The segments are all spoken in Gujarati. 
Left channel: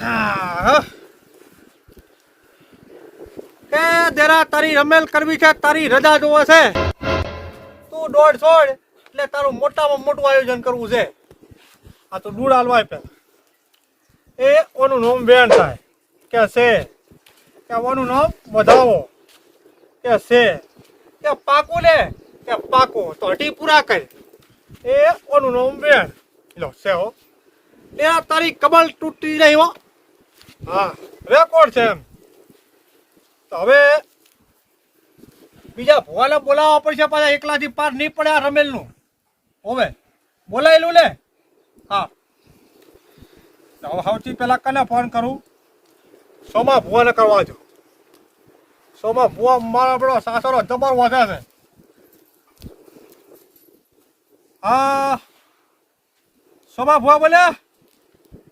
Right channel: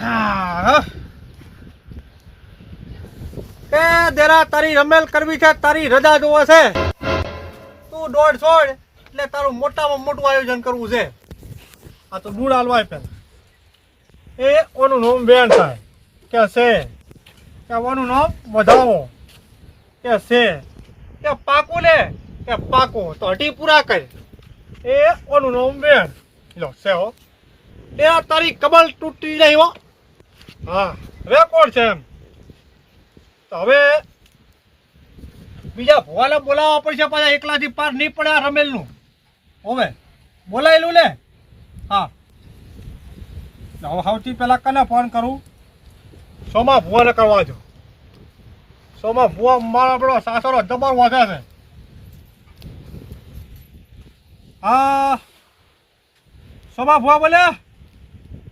એ જરા તારી રમેલ કરવી છે, તારી રજા જોવે છે. તું દોઢ છોડ, એટલે તારું મોટામાં મોટું આયોજન કરવું છે. આ તો દૂર હાલવાય પે એ ઓનું નામ વેણ થાય. કે છે. કે ઓનું નામ વધાવો. કે છે. કે પાકું લે. કે પાકું. તો અઢી પૂરા કરે. એ ઓનું નામ વેણ. લો, છે હો. એ તારી કમલ તૂટી નહીં હો. હા રેકોર્ડ છે એમ? તો હવે બીજા ભોવાને બોલાવવા પડશે પાછા એકલાથી પાર નહીં પડે આ રમેલનું. હવે. બોલાયેલું ને? હા. હવે સૌથી પહેલાં કને ફોન કરું? સોમા ભુવાને કરવા જો. સોમા ભુવા મારો આપણો સાસરો જબર વધે છે. હા. સોમા ભુવા બોલ્યા?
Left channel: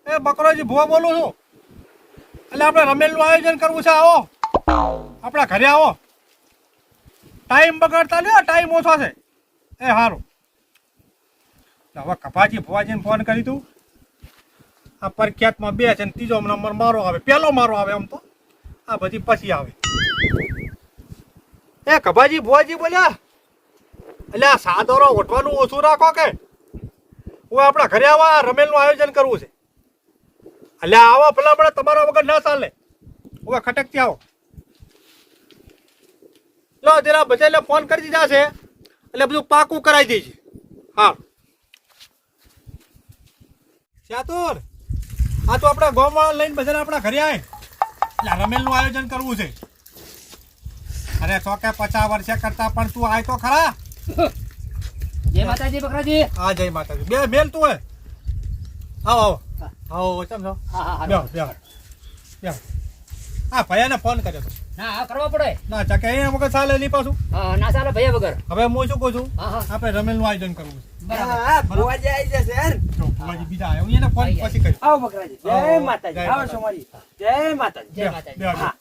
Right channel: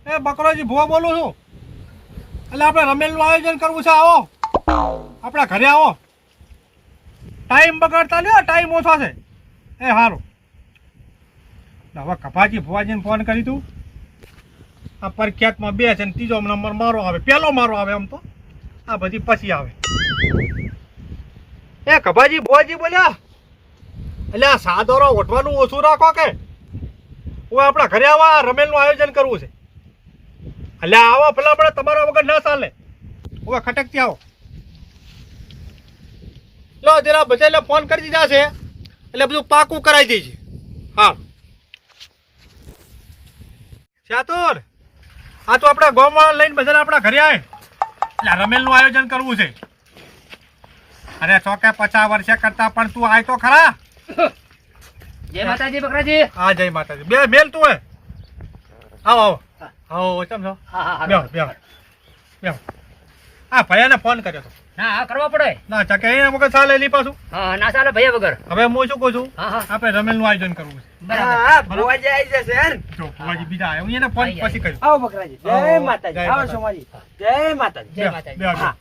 એ બકરોજી ભુવા બોલું છું. એટલે આપણે રમેલનું આયોજન કરવું છે, આવો. આપણા ઘરે આવો. ટાઈમ બગાડતા નહીં ટાઈમ ઓછો છે. એ સારું હવે કપાજી ભુવાજીને ફોન કરી તું. આ પ્રખ્યાતમાં બે છે ને ત્રીજો નંબર મારો આવે. પહેલો મારો આવે આમ તો. આ બધી પછી આવે. એ કપાજી ભુવાજી બોલ્યા. એટલે આ સાદોરો ઓઠવાનું ઓછું રાખો કે? હું આપણા ઘરે આવા રમેલનું આયોજન કરવું છે. એટલે આવો પેલા આપણે તમારા વગર ના ચાલે. હવે ખટકથી આવો. લો જરા બધાને ફોન કરી દીધા છે. એટલે બધું પાકું કરાવી દેજે. હા. ચાતુર આ તો આપણા ગામમાં લઈને બધાને આપણા ઘરે આવે એટલે રમેલનું આયોજન કરવું છે. અરે ચોકે પચાસ વર્ષે કરતા પણ તું આય તો ખરા. જય માતાજી બકરાજી. હા જય માતાજી. બે મેલ તું હે આવો આવો. આવો કેમ છો હા હા બેહો બેહો. બેહો. હા ભૈયાને ફોન કર્યો હતો ના હા કરવા પડે. ના ચકે અહીંયા વગર ચાલે નહીં પાછું? હા ના ચાલે ભૈયા વગર. હવે હું શું કહું છું? હા હા. આપણે રમેલનું આયોજન કરવું છે. બરાબર. હા ભુવાજી આવી જશે હેર જો ભુવાજી બીજા આવ્યા. હું એને ફોન પછી કર્યો આવો બકરાજી. જય માતાજી. આવો સોમાજી. જય માતાજી. જય માતાજી. બે, બે. હા.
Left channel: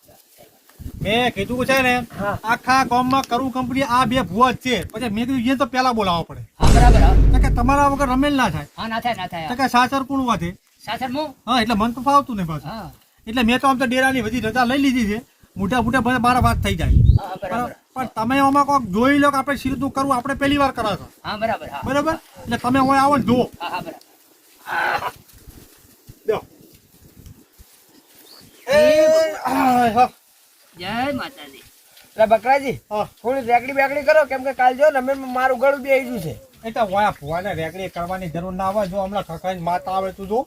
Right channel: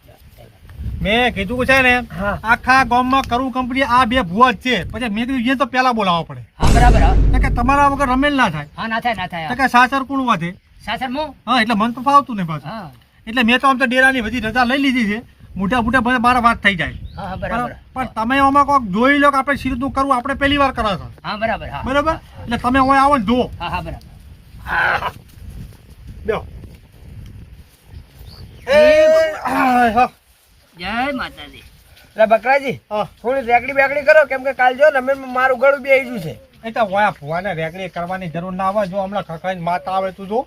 મેં કીધું છે ને આખા ગામમાં કરું કંપની આ બે ભુવા છે. પછી મેં કીધું તો પેલા બોલાવવા પડે. બરાબર કે તમારા વગર રમેલ ના થાય. ના થાય ના થાય કારણ કે સાસર કોણ વધે હા એટલે મન તો ફાવતું ને પાછું. એટલે મેં તો આમ તો ડેરાની બધી રજા લઈ લીધી છે. મોટા મોટા બધા બાર વાત થઈ જાય. હા હા બરાબર. પણ તમે આમાં કોક જોઈ લો કે આપણે શીરતું કરવું? આપણે પહેલી વાર કરો છો. હા બરાબર બરાબર? એટલે તમે હોય આવો ને જુઓ. હા હા બરાબર. બેહો. એ, હા, હા, જય માતાજી. એટલે બકરાજી થોડી રેકડી બેકડી કરો. કેમ કે કાલ જો ને અમે મારું ગળું બે ગયું છે. એ તો હોય ભુવાને કરવાની જરૂર ના આવે જો હમણાં ખખાઈને માતા આવે તું જો.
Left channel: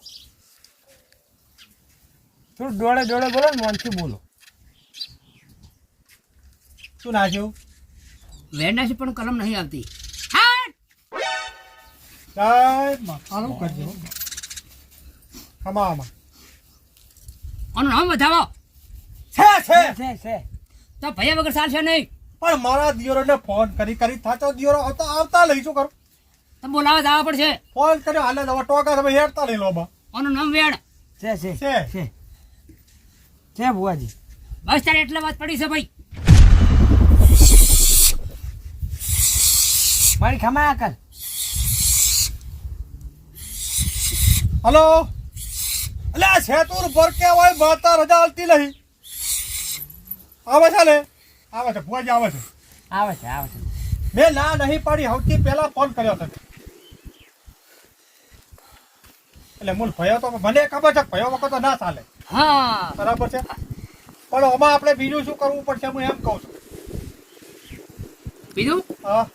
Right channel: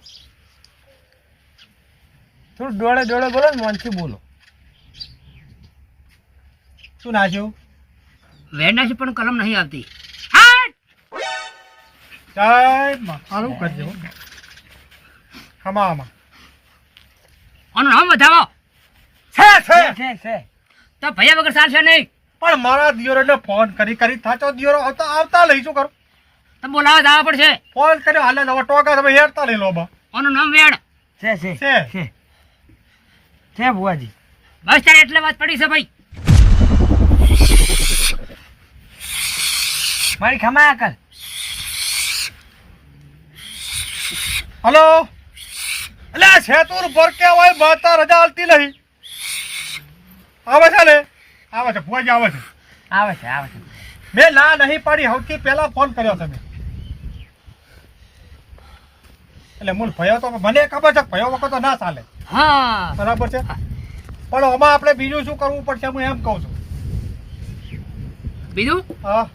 થોડું ડોળે ડોળે બોલો ને મનથી બોલો. શું નાખ્યું? વેરનાથી પણ કલમ નહીં આવતી. સારું કરજો ખમામાં આનું નામ વધાવો. છે છે. છે છે તો ભૈયા વગર ચાલશે નહીં. પણ મારા દિયોરને ફોન કરી કરી. થાચો દિયોરો આવતા આવતા લઈ શું કરો? તો બોલાવા જવા પડશે. ફોન કર્યો હાલે ટોકા તમે હેરતા લઈ લો બા. આનું નામ વેણ. છે છે. છે. છે ભુવાજી? બસ તારે એટલે વાત પડી છે ભાઈ. મારી ખમાયા કર. હલો? એટલે આ સેતુર ભરકે હોય માતા રજા હાલતી નહીં. આવે છે ને આવે છે ભુવાજી આવે છે. આવે છે આવે છે. મેં ના નહીં પાડી સૌથી પહેલા ફોન કર્યો તમે એટલે મૂળ ભયો તો મને ખબર છે ભયો વખત તો ના ચાલે. હા. બરાબર છે? પણ આમાં આપણે બીજું શું કરવું પડશે હું એમ કહું છું. બીજું? હા.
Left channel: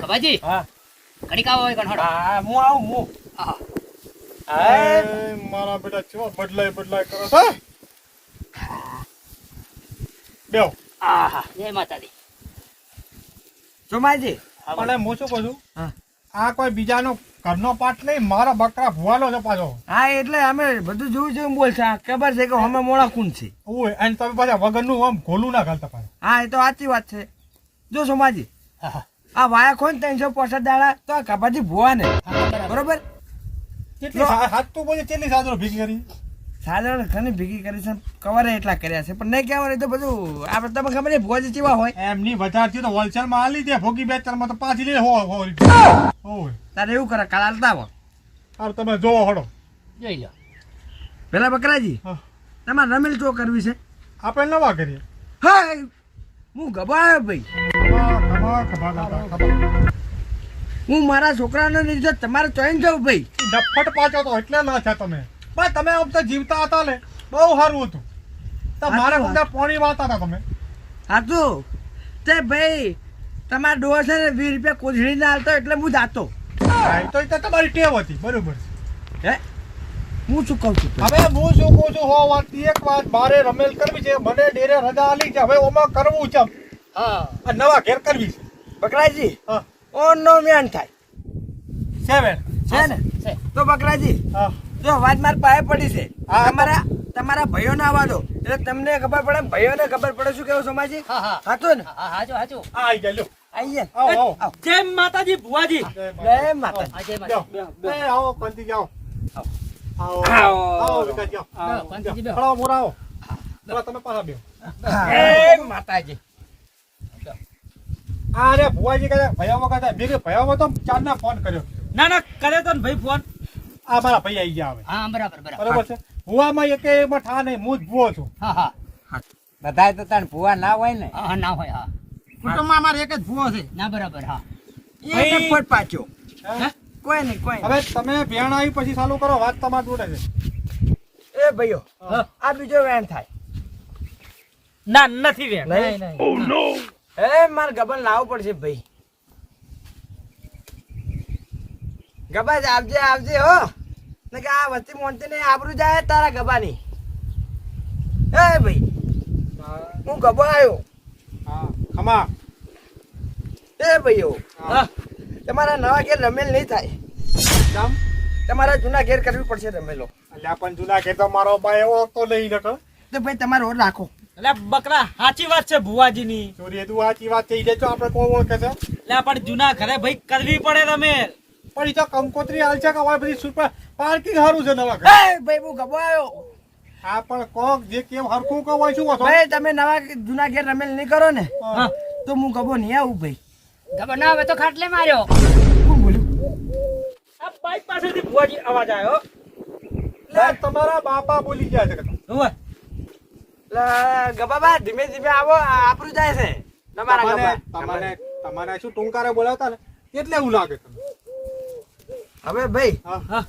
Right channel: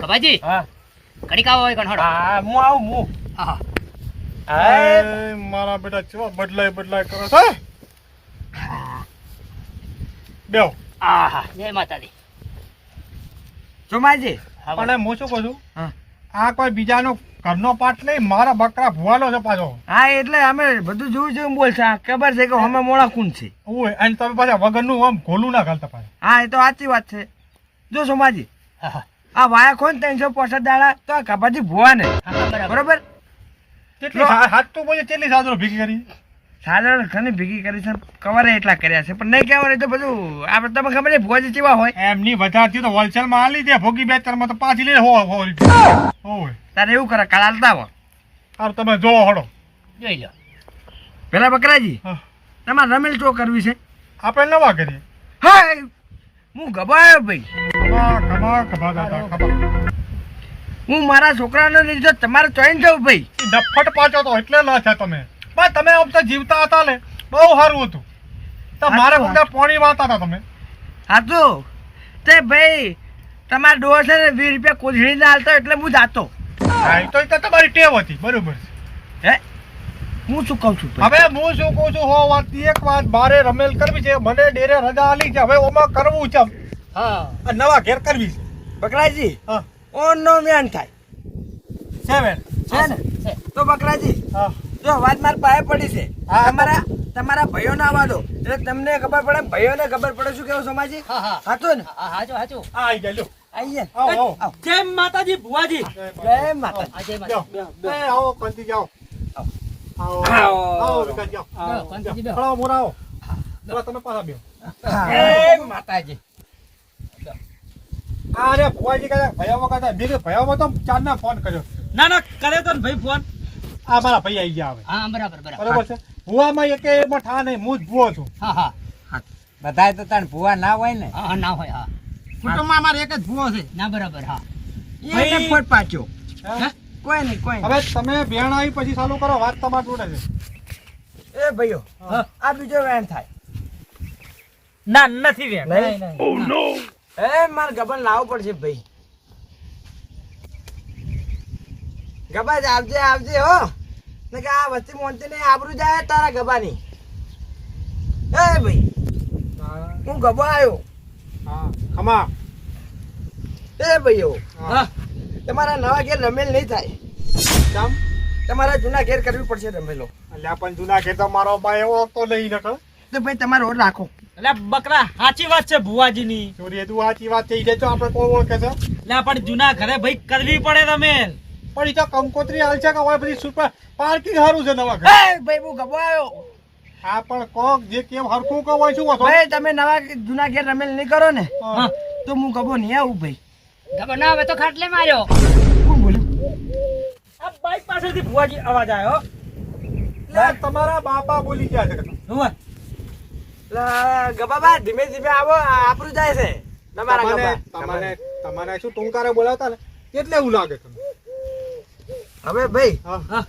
કબાજી હા. કડીક આવો હોય કણ હા હું આવું હું. હા. મારા બેટા છો બદલાય બદલાય કરો છો બેહો. હા હા જય માતાજી. સોમાજી હા પણ હું શું કહું છું? હા. આ કોઈ બીજાનો ઘરનો પાઠ નહીં મારા બકરા ભુવાલો છે પાછો. હા એટલે અમે બધું જોયું છે બોલશે ખબર છે કે અમે મોડા કુંડ છે. ઓય અને તમે પાછા વગરનું આમ ઘોલું ના ઘાલતા પાછા. હા એ તો સાચી વાત છે. જો સોમાજી આ વાયા ખોન ત્રણસો પોસઠ દાડા તો આ કપાજી ભુવા ને બરાબર બરોબર? કેટલી હાથ તો બોલે કેટલી સાદરો ભીખી કરી? સાધારણ ઘણી ભેગી કરી છે કવરે એટલા કર્યા છે. પણ નહીં કહેવાય તો બધું આપણે તમે ખબર છે ભોજ જેવા હોય? એમની વધારથી તો હોલસેલમાં આલી દે ભોગી બે ચારમાં તો પાછી લે હો હો તારે એવું કરે કાલ હાલતા હો હારું તમે જોવો હડો. જોઈ લો. પેલા બકરાજી હા. તમારે રમેલ ચો કરવી છે? આપણે નવા કરીએ. હા હું ગભાયો ભાઈ. હું મારા છોકરાનો લીધો તમારે ચોઈન જવું ભાઈ. ડફટ પાછો તો એટલે ના છે તમે. પણ તમે આમ તો જીવતા હતા ને બહુ સારું હતું. તો મારા બધા પોણી વાતા હતા તમે. હાચું. તે ભાઈ તમારા ડોર છે ને વીસ રૂપિયા કોથળી ના હાલતો એટલે હું જાતો. હા, તો એ તો તમારી ટેવ હતી. બરોબર હે? હું શું કહું છું હવે હું શું કહું છું હો વાત એક વાત બારે રમેલ કરવી છે મને ડેરે રજા આલી છે હવે ઓમાં કરવું છે હા. નવા ઘેર કરવી છે. બકરાજી હા. ઓન નો મેન થાય. સેવન. છે ને? છે. તો બકરાજી હા. જો વાત માર પાસે પડી છે. તમારા તમારા ભાઈઓને ના અવાજો એટલે તમને ખબર પડે ને ભાઈઓને ખબર પડે શું કેવું સમાજી? હા હા. ને? હાચો હાચો. હાચું આઈ ગયા લ્યો. આઈએ આવો આવો. આવો. જય માતાજી ભુવાજી. જય માતા આ જય જાઓ. આવો કંતી જાઓ આવો. આવો. આવો. બેટા જાઓ આવો, કંતીજી બેહો. ખડાવો મોરા આવો. પેલા તમે પાછા બેહો. જય માતાજી. આ ભુવાજી કહે ભૈયા વખત મેં કીધું ભૈયા તો ચાંદના ફોન કર્યો. ના ના કરે તો ને ભાઈ ફોન. આ મારા ભાઈ આવી ગયા હવે. હા બરાબર બરાબર. બરોબર છે? ભુવામાં એક એમાં ઠા નહીં હું જ ભુવો છું. હા હા. બધાય તો તાર ભૂવા ના હોય ને? હા ના હોય હા. કુટુંબમાં મારે એક જ ભુવો છે. ના બરાબર હા. એને ફોટ પાછો. કોઈ નહીં કોઈ હવે તમે ભેણ આવી પછી ચાલુ કરો વાત તમારી જોડે છે. એ ભાઈઓ આ બીજો વેણ થાય. ના નથી વેણ. નહીં નહીં. એ માર ગબન લાવવો પડશે ભાઈ. ગબા જ આવજે આવજે હો. ને કે આ વસ્તી મોનતી ને આબરું જાય તારા ગબાની. એ ભાઈ હું ગબો આવ્યો હા ખમા એ ભાઈઓ હા. તમારા નવા ઘેર રમેલ નહીં થાય. કામ? તમારા જૂના ઘેર કરવી પડશે રમેલો. એટલે પણ જૂના ઘેર તો મારો ભાઈ એવો તો નહીં નતો તો ભાઈ તમારે ઓર રાખો. એટલે બકરા સાચી વાત છે ભુવાજીની. ચોરી તું સાચી વાત કહી દેજો આપણે કોઈ ઓળખે છે? એટલે પણ જૂના ઘરે ભાઈ કરવી પડે રમેલ. પણ એ તો કંકોત્રી હાલ છે કે હોય બધી સુપર પાર્કિંગ સારું છે નવા ઘર. એ ભાઈ હું ગબો આ હા પણ કોક જે કેમ હરખું કહો હોય શું ભાઈ તમે નવા જૂના ઘેર રમેલ નહીં કરો ને તો હું ગબો નહીં આવું ભાઈ. ગબો ના હવે તો ખાટલે માર્યો. શું બોલ્યું? આ બાઈક પાસેથી ભુવાજી અવાજ આવ્યો યાર, તમારા બાપા બોલી ગયા છે. ગબાબા ધીમે ધીમે આવો આપણું જાય છે. તમારા તમને તમને શું ટૂંકારે બોલાવતા ને? કેટલે એવું લાગે તમને? હવે ભાઈ હા. હા.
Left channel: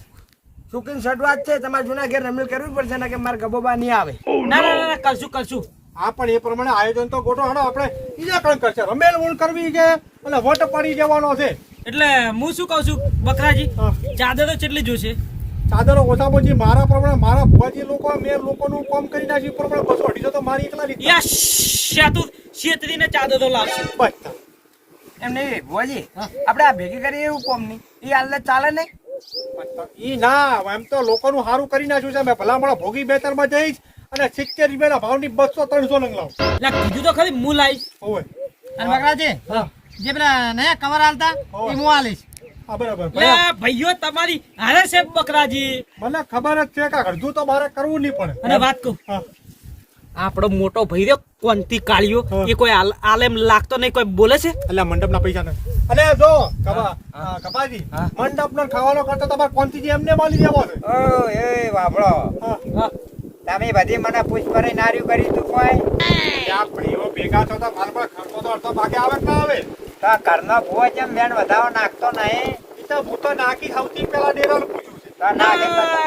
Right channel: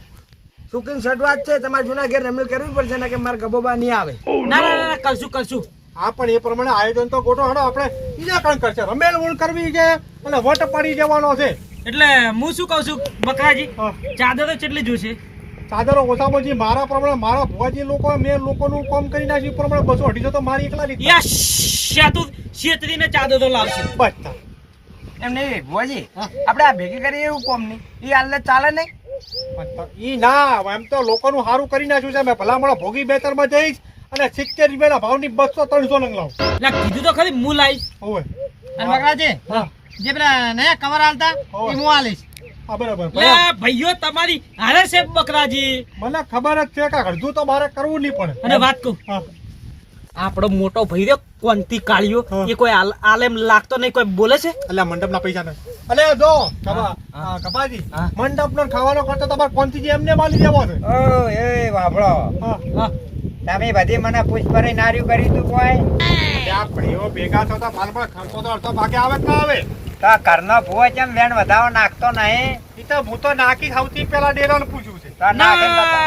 સુકીન શરૂઆત છે તમારે જૂના ઘેર રમેલ કરવી પડશે ને કે મારા ગબોબા નહીં આવે? ના ના ના, ના કરશું કરશું. હા પણ એ પ્રમાણે આયોજન તો ગોઠો હડો આપણે બીજા પણ કરશે. રમેલ ઊણ કરવી છે અને વટ પડી જવાનો છે. એટલે હું શું કહું છું બકરાજી. ચાદરો કેટલી જોશે? ચાદરો ઓછામાં ઓછી મારા પ્રમાણે મારા ભુવાજી લોકો મેં લોકોનું કામ કરી નાખ્યું. એ પ્રમાણે બસો અઢીસો તો મારી એકલા રીતે યસ શેતુ શેતરીને ચાદરો લાવશે. બસ એમ નહીં ભુવાજી આપણે આ ભેગી કરીએ એવું કોમ નહીં. એ હાલ ચાલે નહીં? ઈ ના એમ તો લોકોનું સારું કરી નાખ્યું છે. મેં ભલામણ ભોગી બેતરમાં જઈશ અને સિત્તેર રૂપિયાના ભાવની બસો ત્રણસો નંગ લાવું. એટલે કીધું તો ખરી હું લાવીશ હોવે અને બકરાજી જે? પેલા નયા કવર હાલતા એ હું આલીશ. બરાબર. ભાઈઓ તમારી હારે છે બકરાજી. મને ખબર જ છે કે અડધું તો મારે કરવું નહીં પડે. અને વાત કહું. આપણો મોટો ભાઈ રહ્યો કોંતી કાળિયો. એ કોઈ આલ- આલેમ લાગતો નહીં કોઈ બોલે છે? અલ્યા મંડપના પૈસા ને અલે જો કપાજી. મંડપ નો ખાવાનો ખર્ચો તમારે કોનથી એમને માલી દેવો છે? ઓ એ હા. તમે બધી મને પૂછપરી નાર્યું કરી તું કોઈ? ત્યાં ભાઈઓ ભેગા થતો માલ પર ખર્ચો તો અડધો ભાગે આવે કે આવે? તો ઘરનો ભૂવો ચમ બેન વધાવો નાખતો નહીં? એ તો હું તો નાખી સૌથી પેલા ડેરાને પૂછું છે. તો તો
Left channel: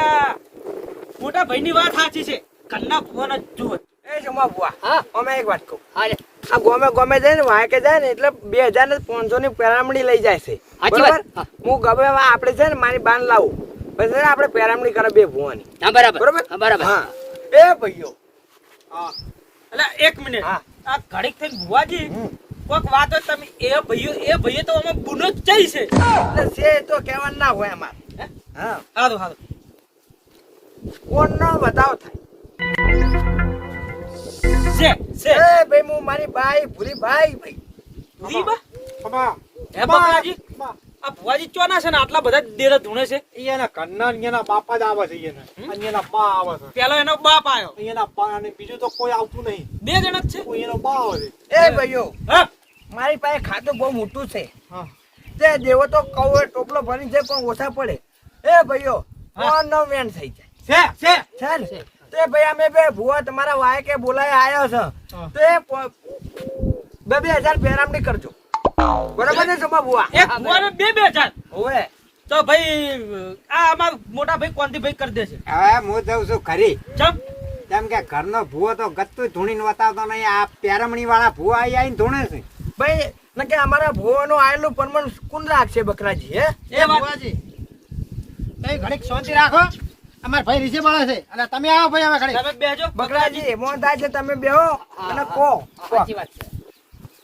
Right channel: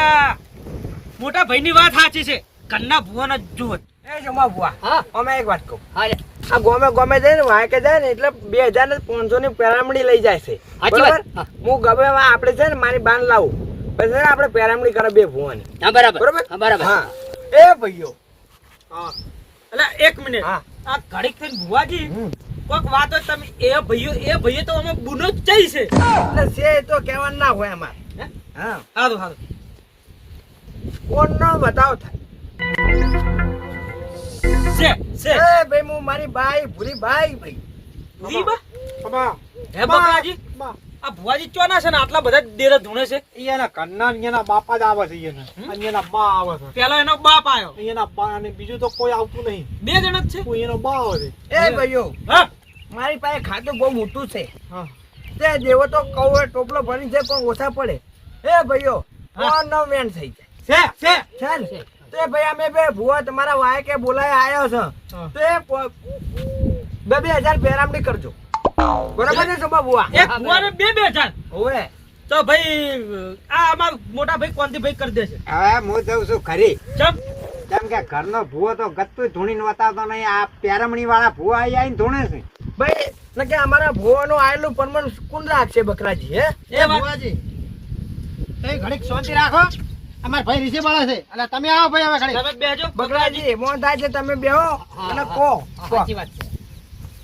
મોટા ભાઈની વાત સાચી છે. કન્ના ભુવાના જુઓ. એ જમા ભુવા હા. અમે એક વાત કહું. હા આ ગોમે ગોમે જાય ને વાંકે જાય ને એટલે બે હજાર ને પાંચસો ની પેરામણી લઈ જાય છે. બરાબર? હું. ગમે આપણે છે ને મારી બાન લાવું. પછી આપણે કરે બે ભુવાની. હા બરાબર. બરાબર? હા બરાબર. હા. એ ભાઈઓ. હા. એટલે એક મિનિટ. હા. આ ઘડીક થઈને ભુવાજી વાત તમે એ ભાઈઓ એ ભાઈઓ તો અમે બુનો જ જઈ છે. એટલે છે એ તો કહેવાનું ના હોય અમારે. હે? હા. સારું સારું કોણનો બતાવ છે એ ભાઈ હું મારી બાઈ ભૂરી બાઈ ભાઈ. દી બા? કપા હે બકરાજી આ ભુવાજી ચોના છે ને? આટલા બધા ડેરા ધૂણે છે. અહીંયાના કન્ના અહીંયાના બાપા જ આવે છે અહીંયાના. અહીંયાના બા આવે છે. પેલો એનો બાપ આવ્યો અહીંયાના બા અને બીજું તો કોઈ આવતું નહીં. બે જણ જ છે? કોઈ એનો બા આવે છે. એ ભાઈઓ હા. મારી પાસે ખાતું બહુ મોટું છે. હા. તે દેવો તો કૌ ટોપલો ભરી છે પણ ઓછા પડે. એ ભાઈઓ હા. કોણનો વેણ થઈ જાય. છે છે. છે ને? તો ભાઈ અમે બે ભુવા તમારા વાય કે બોલાય આવ્યો છે. તો એ બે બે હજાર પેરામણી કરજો. બરોબર ને સમા ભુવા? એક બે બે હજાર? હોવે. તો ભાઈ આ અમાર મોટા ભાઈ કોનથી ભાઈ કરી દેશે? હા હું જઉં છું ખરી ચમ. કેમ કે ઘરનો ભૂવો તો ગતું ધૂણીને બતાવતો નહીં. આ પેરમણી વાળા ભૂવા આવી આવીને ધૂણે છે. ભાઈ ને કે અમારા ભુવાનો આયેલું પરમણ કુંડ રાખશે બકરાજી હે? એ ભૂવાજી કઈ ઘડીક શાંતિ રાખો. અમારે ભાઈ રીસે મળે છે. અને તમે આવો ભાઈ હવે ઘડીક તમે બેજો. બગડાજી. મોન થાય છે તમે બેહો અને કહો. કહો. સાચી વાત છે.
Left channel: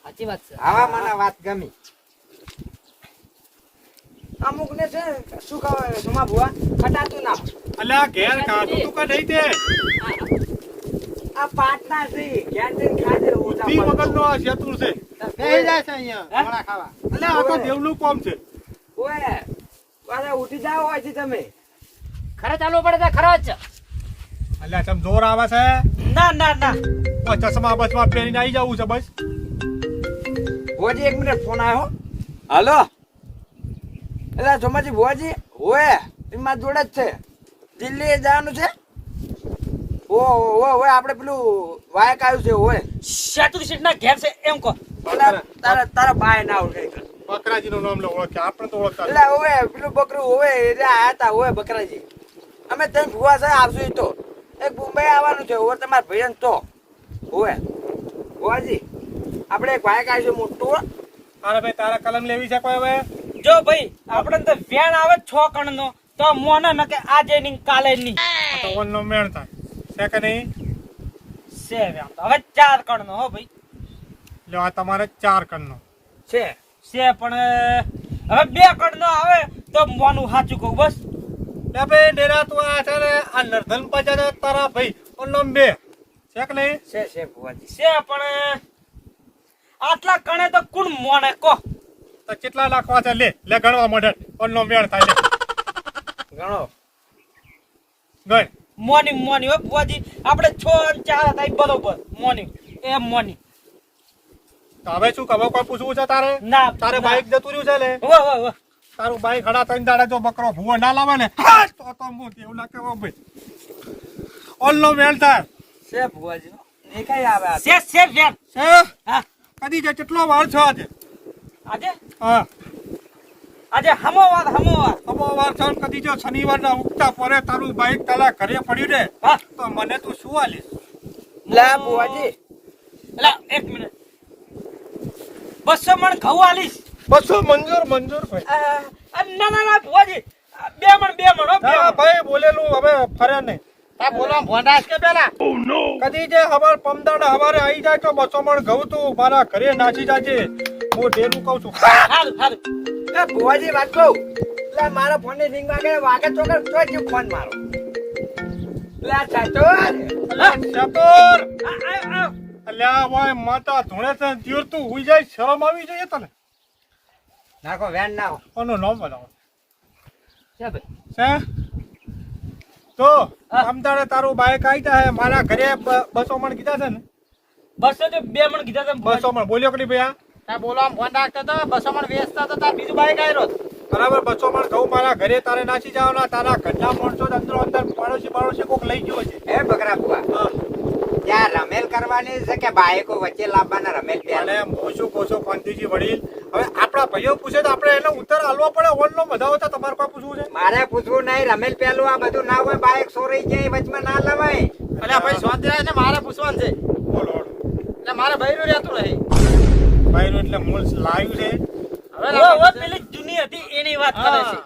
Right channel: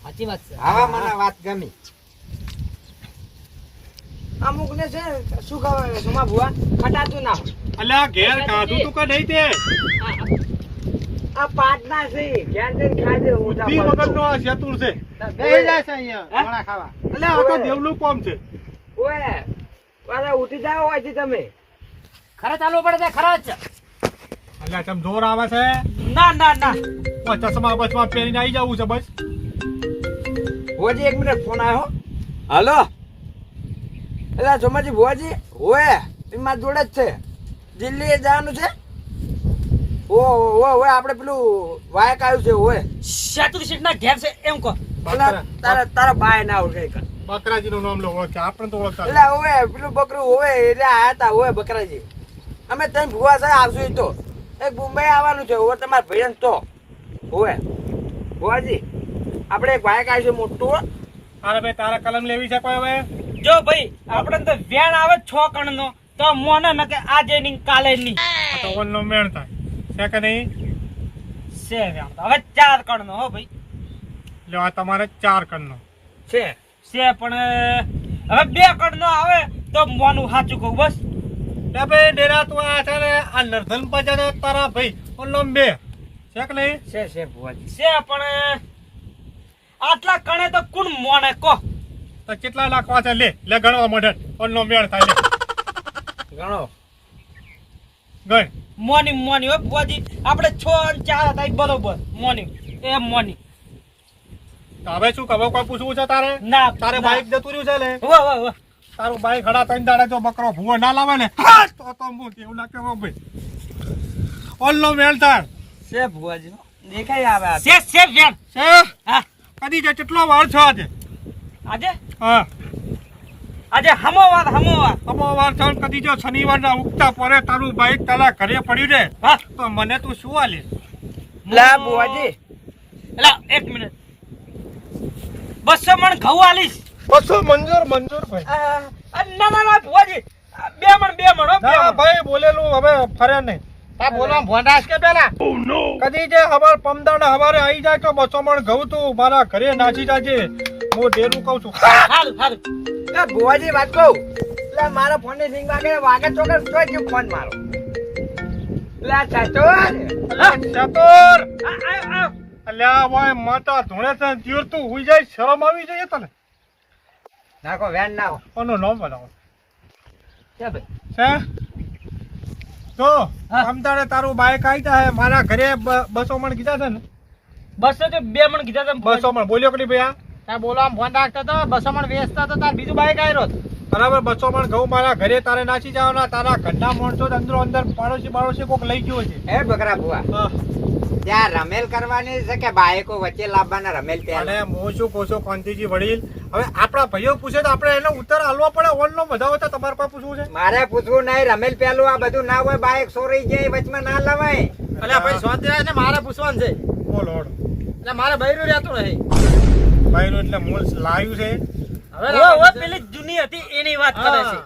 સાચી વાત છે. હા મને વાત ગમી. અમુક ને છે શું કહેવાય સમા ભુવા? ખટાતું ના. આ ઘેર ખાધું તું કઈ નહીં તે? આ પાટના છે. ઘેર જઈને ખાજે ઊંચા તી વગર નો. શેતુર છે. બેહી જાય છે અહીંયા ખાવા. એટલે આ તો દેવનું કોમ છે. ઓય. અરે ઉઠી જાઓ હોય છે તમે. ખરે ચાલવું પડે છે ખરચ. એટલે તમે જોર આવે છે? ના ના ના. ઓ ચશ્મા બસમાં પહેરીને આવી જવું છે બસ. ભુવાજી એક મિનિટ ફોન આવ્યો હલો. એટલે સોમાજી ભુવાજી હોય એમાં જોડે જ છે. દિલ્હી જવાનું છે? ઓ ઓ ઓ આપણે પેલું વાયક આવ્યું છે ઓય સેતુ સીટ ના ઘેર છે એમ કહો. તારા તારા બાય ના ઓળખે બકરાજીનું નામ લે ઓળખે આપણે તો ઓળખતા એટલે ઓય પેલું બકરું ઓય એટલે આયા તા ઓય બકરાજી. અમે તઈ ભૂવા છે આવશું તો. એક મુંબઈ આવવાનું છે ઓય તમારા ભજન તો. હોવે. ભુવાજી આપણે એક બાઇક આવીશું છે મોટું હો. અરે ભાઈ તારા કલમ લેવી છે કોઈ હવે? જો ભાઈ આપણે તો વેણ આવે છ કણનો તો મોને ન કે આજે ની. કાલે નહીં તો ઓનનો મેણ થાય. છે કે નહીં? છે વેણ તો. હવે ચાર કણનો હો ભાઈ. એટલે આ તમારે ચાર કણનો. છે. છે પણ હવે બે કણનો આવે તો મોનું સાચું કહું બસ. લે ભાઈ ડેરા તું આ છે ને આ નર્ધન પાસે તારા ભાઈ ઓનનો બે છે કે નહીં? છે છે ભુવાજી. છે પણ આટલા કણે તો કુણ મોને કહો તો કેટલા લાખ છે? લે લે ગણવા મોઢે ઓનનો મેળ થાય ગણો. ગઈ મોની મોની હો બુઆજી આપણે છ અને ચાર હતા બરોબર. મોની એ મોની. હવે શું ખબર કોઈ પૂછવું છે તારે? ના તારે. બાઈક જતું રહ્યું છે લે. વાહ વાહ વાહ તારું બાઈક હડા ત્રણ દાડા જો બકરો ભૂવો ના લાવે ને તો તો હું એવું ના કેવો ભાઈ. ઓનનો મેલ થાય છે ભુવાજી કઈ આવે છે છે વેણ છે? હા. કદી જે કેટલો વાર છો આજે? આજે? હા. આજે હમો વાત હમો વાર. છો કદી જો શનિવારના ઉગતા પરે તારું બાઈક તારા ઘરે પડ્યું ને હા. તો મને તું શું આલીશ? લા ભુવાજી. લા એક મિનિટ. બસો મણ ઘઉં આલીશ. બસો મંજૂર મંજૂર ભાઈ. ના ના ના આ બે મણ બે મણ હો, ભાઈ બોલેલું હવે ફરે નહીં. આ બોલવા ભોંડાશ કે પેલા? કદી જે હવાર પમદાડા હવારે આવી જાય તો બસો મણ ઘઉં તું મારા ઘરે નાચી જાજે. હું ઢેલું કહું છું. હાલ હાલ. એ ભુવાજી વાત કહું? એટલે મારા ફોનની રિંગ વાગે વાગે ચોકર તો જ ફોન મારો. લે ચાચો ચતુર અલ્યા ભાઈ માતા ધોણે છે તીર તું હુઈ જાય શરમ આવી જોઈએ તને. નાખો વેન નાખો. કોનું નામ બતાવો છે ભાઈ. છે? તો અમદાડે તારું બાઈક આવી હે મારા ઘરે બસો મણ કીધા છે ને? બસો તો બે મણ કીધા છે બસો મણ. બોલ્યો કરી ભાઈ ત્યાં બોલવા ફોન રાખતો તો બસો મણ વેચતા તો તાર બીજું બાઈક આવ્યો બરાબર બસો મણ ઘઉં મારા ઘરે તારે નાસી જવાના તારા ઘરના માણસો અંદરો અંદર પાડોશી પાડોશી કોક લઈ ગયો છે. હે બકરા હા. ત્યાં રમેલ કરવાની છે કે બાઈકો વચ્ચે લાવવાના રમેલ અને હું શું કહું છું વડીલ હવે આપણા ભાઈઓ પૂછે તો આપણે એનો ઉત્તર આલવો પડે ઓનનો બધા હતા તમારે પાસે પૂછવું છે? મારે પૂછવું નહીં રમેલ પેલું આ બધું ના હોય બાઈક સોરાઈ જાય વચમાં ના લવાય. અલ્યા ભાઈ સ્વાધ્યાય ને મારે પૂછવાનું છે. બોલો. એટલે મારે બૈરું રહેતું નહીં ભાઈનું એટલે મૂળ લાવ્યું છે. હવે પેલી જૂની હતી એની વાત કરે છે.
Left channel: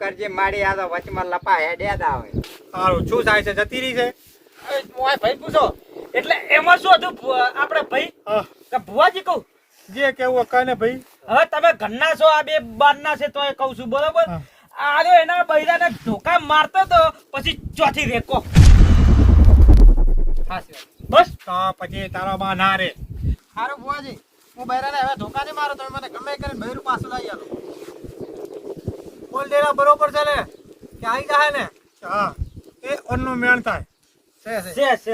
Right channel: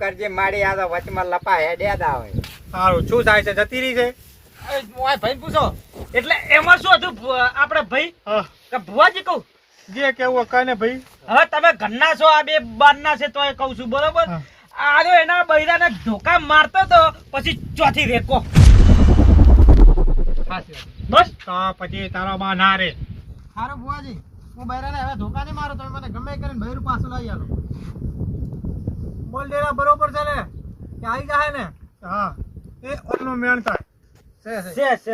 કરજે મારી આ વચમાં લપા હેડ્યા દા હોય સારું શું થાય છે? જતી રહી છે? ભાઈ પૂછો. એટલે એમાં શું હતું આપણે ભાઈ? હા. કે ભુવાજી કહું? જે કેવું હોય ભાઈ. હવે તમે ઘરના છો આ બે બારના છે તોય કહું છું બરોબર. આરે એના બૈરાને ધોકા મારતો તો પછી ચોથી રેકો. બસ. તો પછી તારો માં ના રે. હારો ભુવાજી હું બૈરાને હવે ધોકા નહીં મારો તમે મને ગમે કરીને બૈરું પાછું લઈ આલો. બોલ દેરા બરોબર છે ને? કે આવી જાય ને? હા. એ ઓનનો મેણ થાય. છે છે. છે છે.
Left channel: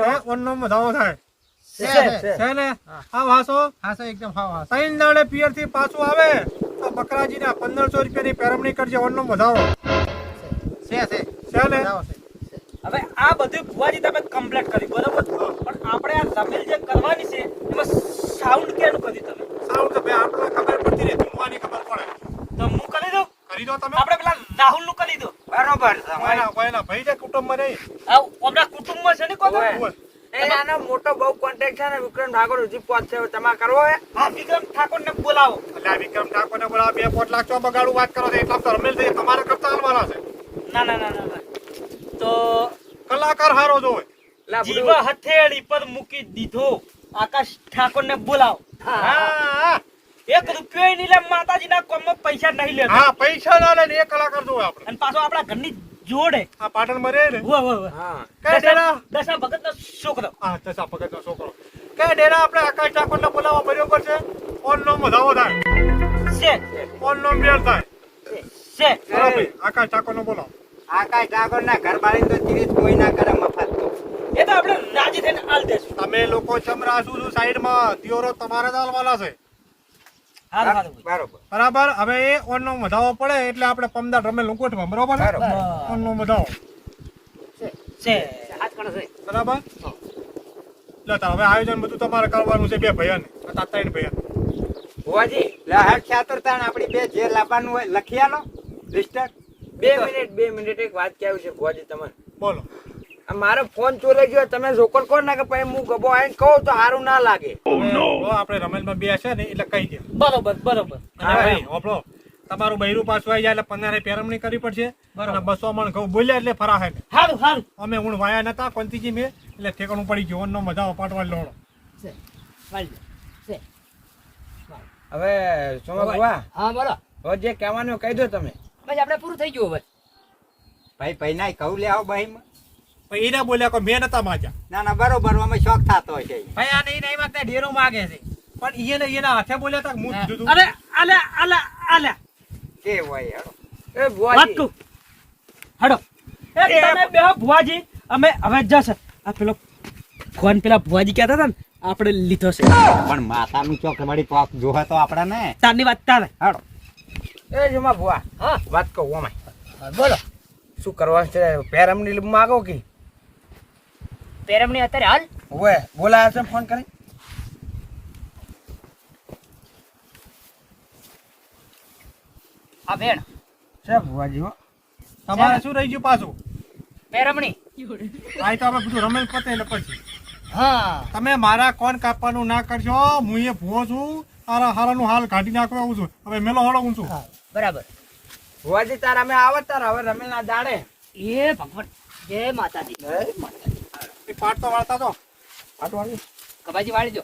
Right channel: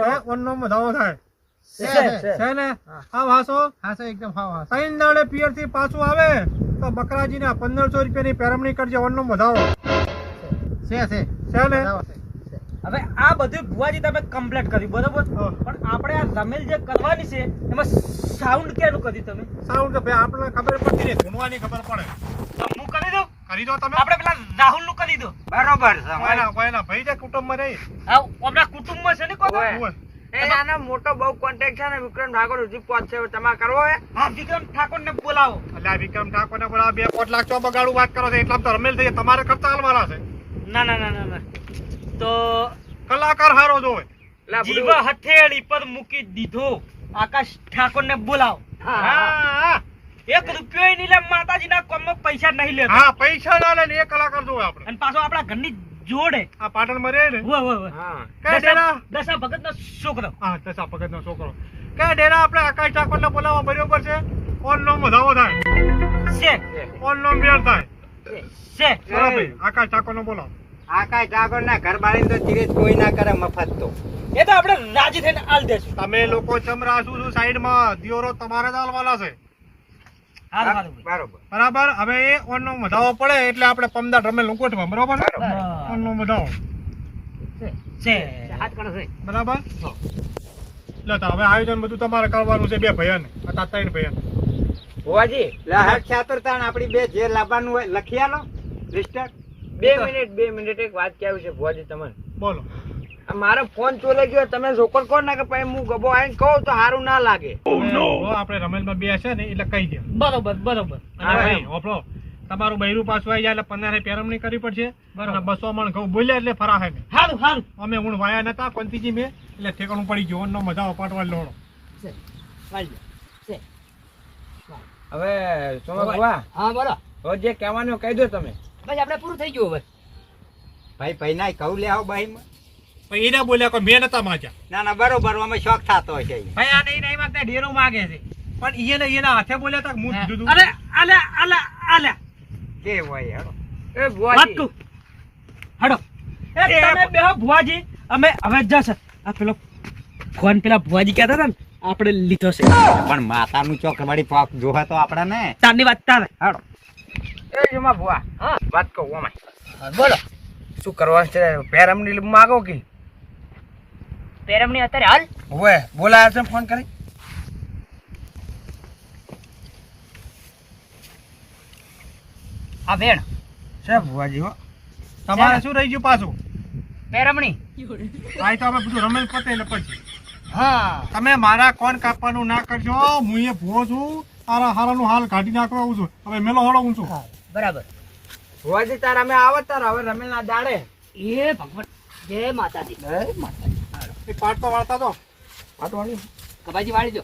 મધાવો થાય. છે છે છે. ને? હા વાસો હા એકદમ હા હા ત્રણ દાડે પિયરથી પાછું આવે તો બકરાજી ના પંદરસો રૂપિયાની પેરમણી કરજે ઓનનો મધાવો છે છે. છે ને? હવે આ બધું ભુવાજી તમે કમ્પ્લીટ કરી બરોબર? પણ આપણે આ રમેલ જે કરવાની છે એમાં સાઉન્ડ કેનું કર્યું તમે? સાઉન્ડ તો ભાઈ આપણે ખબર પડતી રહે ધૂમવાની ખબર પડે. તો હું કરી દઉં? કરી દો તમે. આપણે પેલા રાહુલનું કરી દો. બરોબર છે કોઈના કોઈના ભાઈ છે કુટુંબમાં નહીં. આ આપણા કુટુંબમાં છે ને કોઈ એ આનો મોટો બહુ કોન્ટેક્ટ છે ને વિક્રમ ઠાકોર હવે તમારે કરવો હે? હા વિક્રમ ઠાકોર ને બોલાવો. એટલે વિક્રમ ઠાકોરને બોલાવો, બે પોટ લાખ ચો બગાડું વાત કરો છો એટલામાં તો રમેલ થઈ તમારે કરતા હાલવાના છે. ના ના ના ના ના. તો કલાકાર હારો જોવે હથેળી પર મૂકી દીધો. આકાશ ઠાકોર ને બોલાવો હા હા. એક રૂપિયો નહીં લે માતાજીના કોમમાં પૈસા નહીં લે. હા પૈસા ના લે ને એ કલાકાર જોવે આપણે. અને પાછો આપણા ઘરની જોડે. આ પાટણમાં રહે ને? વાહ વાહ હા. કે ડેરા? દશા ભગત નો છોકરો. હા દશા ભગતનો છોકરો. કે ડેરા આપણે આકાશ ઠાકોરને બોલાવવા બરોબર છે? ઓનનો મધાવો થાય. છે. ઓનનો મેળ થાય. છે. બરાબર આકાશ ઠાકોરને બોલાવો. આકાશ ઠાકોર ના ઘર બાળી તો ચીરીજ કોઈ ના કરે મફત તો. એ તો આપણે રાજી થઈને આલ દેશું. તમે લોકો ચમરા શું શું સાઈડમાં. દિયોરો તમારે જ આલવાના છે. બરોબર. બરાબર. હવે એ ઓનનો વધાવો પડે એટલે આપણે પમદાર રમે ગોઠવા બરાબર? ઓન ઓનનો વધાવો. બરાબર? લો તો હવે આયોજન બધું તમારે કરવાનું છે બે ભૈયાને હતા ત્રણ ભૈયા ભુવાજી. લહટ ચાતુરતાણ આપણી બે જે લાવવાનું હોય લખી આલો લિસ્ટર. બે મિનિટ બે મિનિટ એક વાત કેવું છે ભુવાજી તમને બોલો. આ મારો ફોન ચોરી ગયો તમે જોકર કહો ના કે પછી હું ગબો આઈને કહું તો સારું ના લાગે. હવે આપણે રમેલમાં બે છે ને એટલે કહી દે. બરોબર બરોબર. અને ભાઈ ઓપડો તમારું બૈરું પાછું આવી જાય એટલે પંદરે પેરમણી કરવી પડશે. અને બસો મણ ઘઉં બોલ્યા એટલે ફરાશે ને સારું સારું અમે હું વાયા નતા કોંતીજી મેં એટલે ઠેકાણું પડી ગયું. નો મજા અપાટવા. છે હવે સોમા હા બોલો. હવે જે કહેવાનું કહી દો તમે. બસ આપણે પૂરું થઈ ગયું હવે. ભાઈ ભાઈ ના કહું લે આવો ભાઈ પણ એને બોલ્યા કોઈ મેં નતા માજા ના ના બરોબર અમે શોખ થતો હશે ભાઈ આ નહીં નહીં વાત ઢેરો માગે છે. પણ એને એના હાથે બોલ્યા તા મું કીધું અરે અલે અલે અલે કે હોય હડો. એ ભુવાજી. હડો. એ તમે બે ભુવાજી. અમે હવે જશે. આ પેલો ફોન પેલા ભુવાજી કહેતા હતા ને આપણે લીધો છે. પણ માતાનું ચોક વળી પાક જોહે તો આપણે ને તારની વાત તારે. હાડો. એ જોમા ભુવા. હા. વાત કહું અમે બોલો. શું કરવાનું છે? પેરમની માગો કે? પેરમણી અત્યારે હાલ. હવે બોલાયા છે ફોન કરી. આ બેન. છે ભુવાજી હો. તમારે શું રહી ગયું પાછું? પેરમણી. આ તો આપણે બધું રમેલ પતે એટલે પછી. હા. તમે મારા કોણ કાપવાનું ના કરજો હું એ ભૂવો છું તારા હારાનું હાલ કાઢી નાખવા આવું છું. હવે મેલો હળો હું છું બરાબર. ભુવાજી તારા અમે આવત તારા. હવે રમે ના દાડે. એ ભગવાન. જય માતાજી. એ પાટ તો વાળતા તો. પાટ વાળી વાળી દો.